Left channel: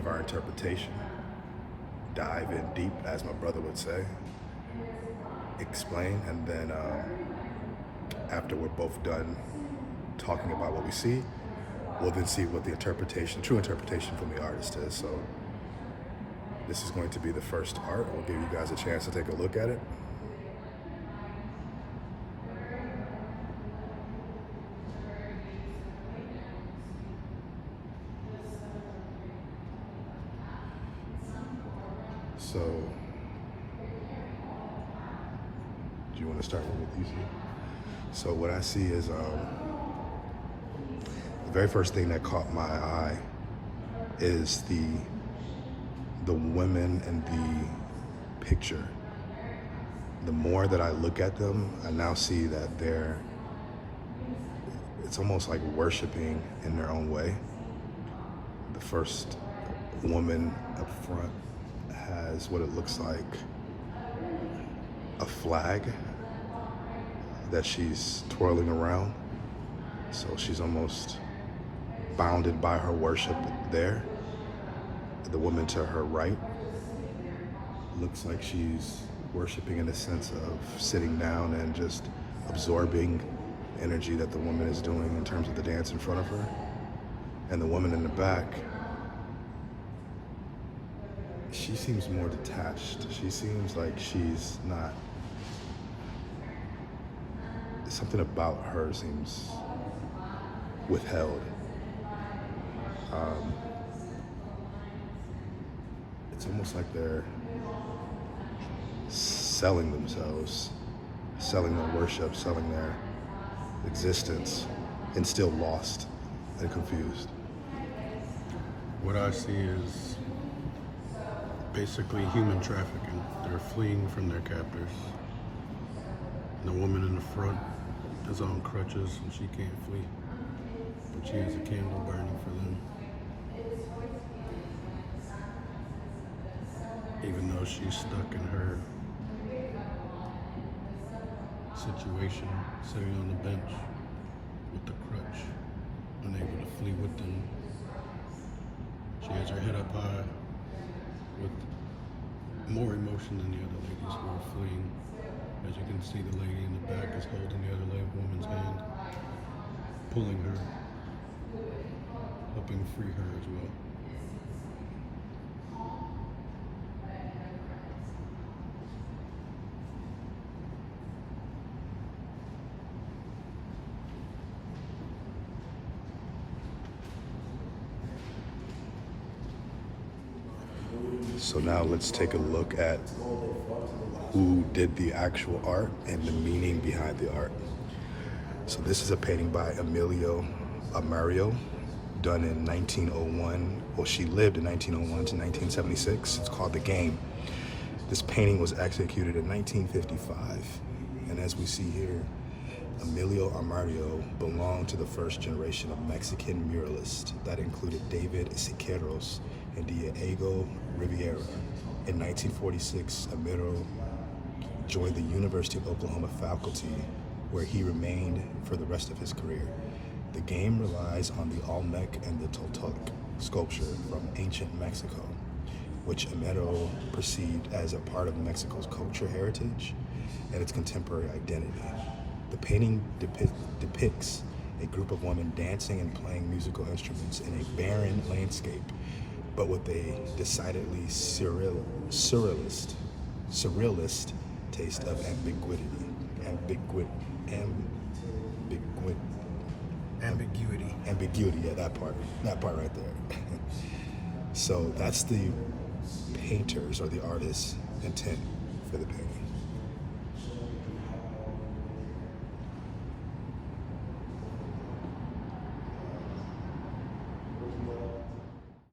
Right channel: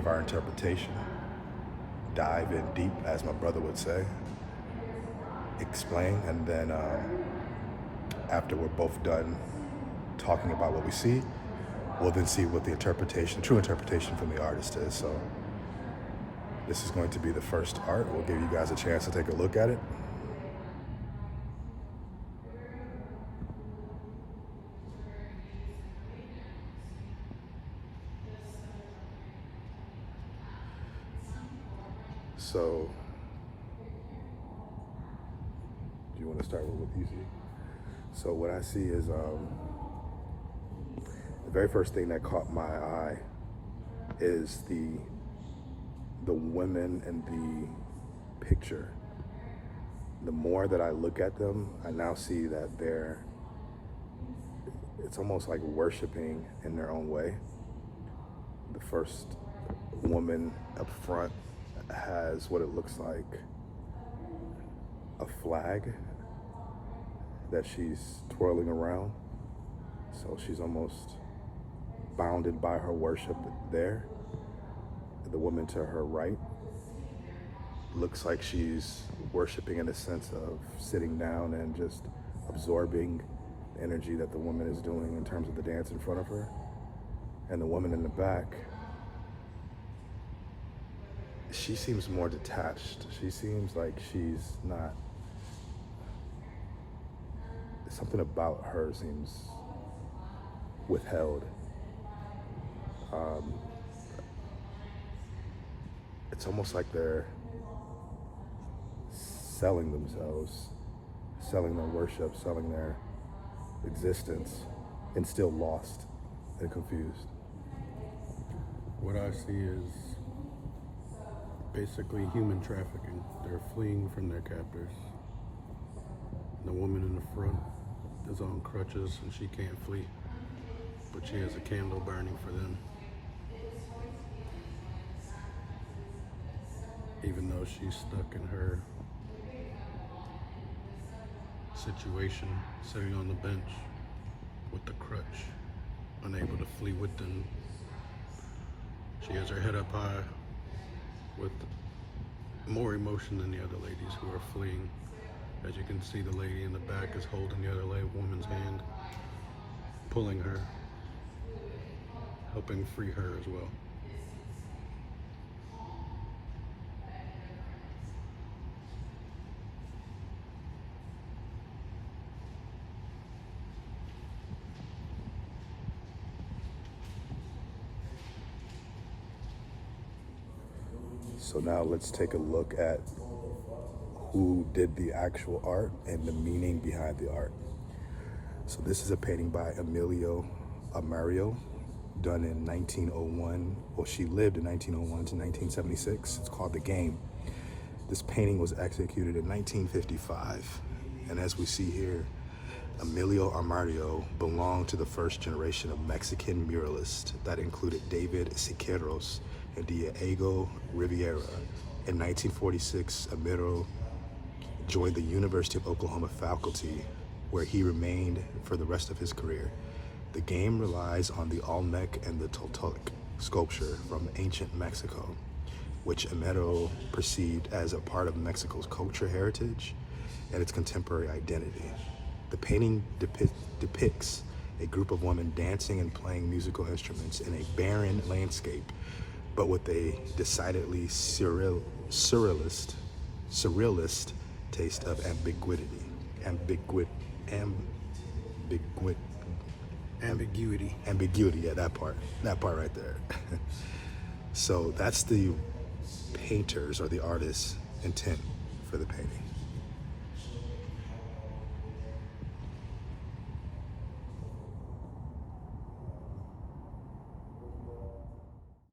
give our interpretation, dive in deep, as my brother would say, explain, and then after we're both done talking about what we see, we'll then see what the interpretation, true interpretation from the artist is. So this is going to be the first art. We'll give you guys a chance to take a look at it. So, do you want to start with these? So what I see is the very first thing that caught my eye is the women in the picture. The more that I look at them, I now see that it's almost like worshiping in their own way. The first woman up front has what it looks like a flag that she's twirling around. So she's almost bounded by her worship there. The woman to her right looks like she's worshiping in a sense of sitting down and just absorbing energy that the woman is doing in terms of the dance in front of her. And the woman in the back, she seems more detached. She seems like she's not, something about her seems withheld. It's almost like they're selling themselves, selling their worship, selling their existence, and still lost and confused. What I see is basically human trafficking. They're fleeing from their captors. The woman in the front is on crutches. She can't flee, but she has a candle burning for them. Even though she's stuck in her situation, sitting on the bench with the crutch, unable to flee with them. She has her head up high with more emotion than the other ladies who are fleeing. As you can see, the lady in the back is holding the other woman's hand, pulling her, helping free her as well. So now let's take a look at who did the actual art and the meaning behind the art. So this is a painting by Emilio Amario, done in 1901. Well, she lived in 1901 to 1976. It's called The Game. This painting was executed in 1955. And as we see here, Emilio Amario belonged to the first generation of Mexican muralists that included David Siqueiros and Diego Rivera. In 1946, Amario joined the University of Oklahoma faculty, where he remained for the rest of his career. The Game relies on the Olmec and the Toltec sculpture from ancient Mexico, which Amario perceived as a part of Mexico's culture heritage and its contemporary identity. The painting depicts a group of women dancing and playing musical instruments in a barren landscape, but with a decidedly surrealist taste of ambiguity. Ambiguity, yeah, that part right there. So that's the painter's or the artist's intent for the painting.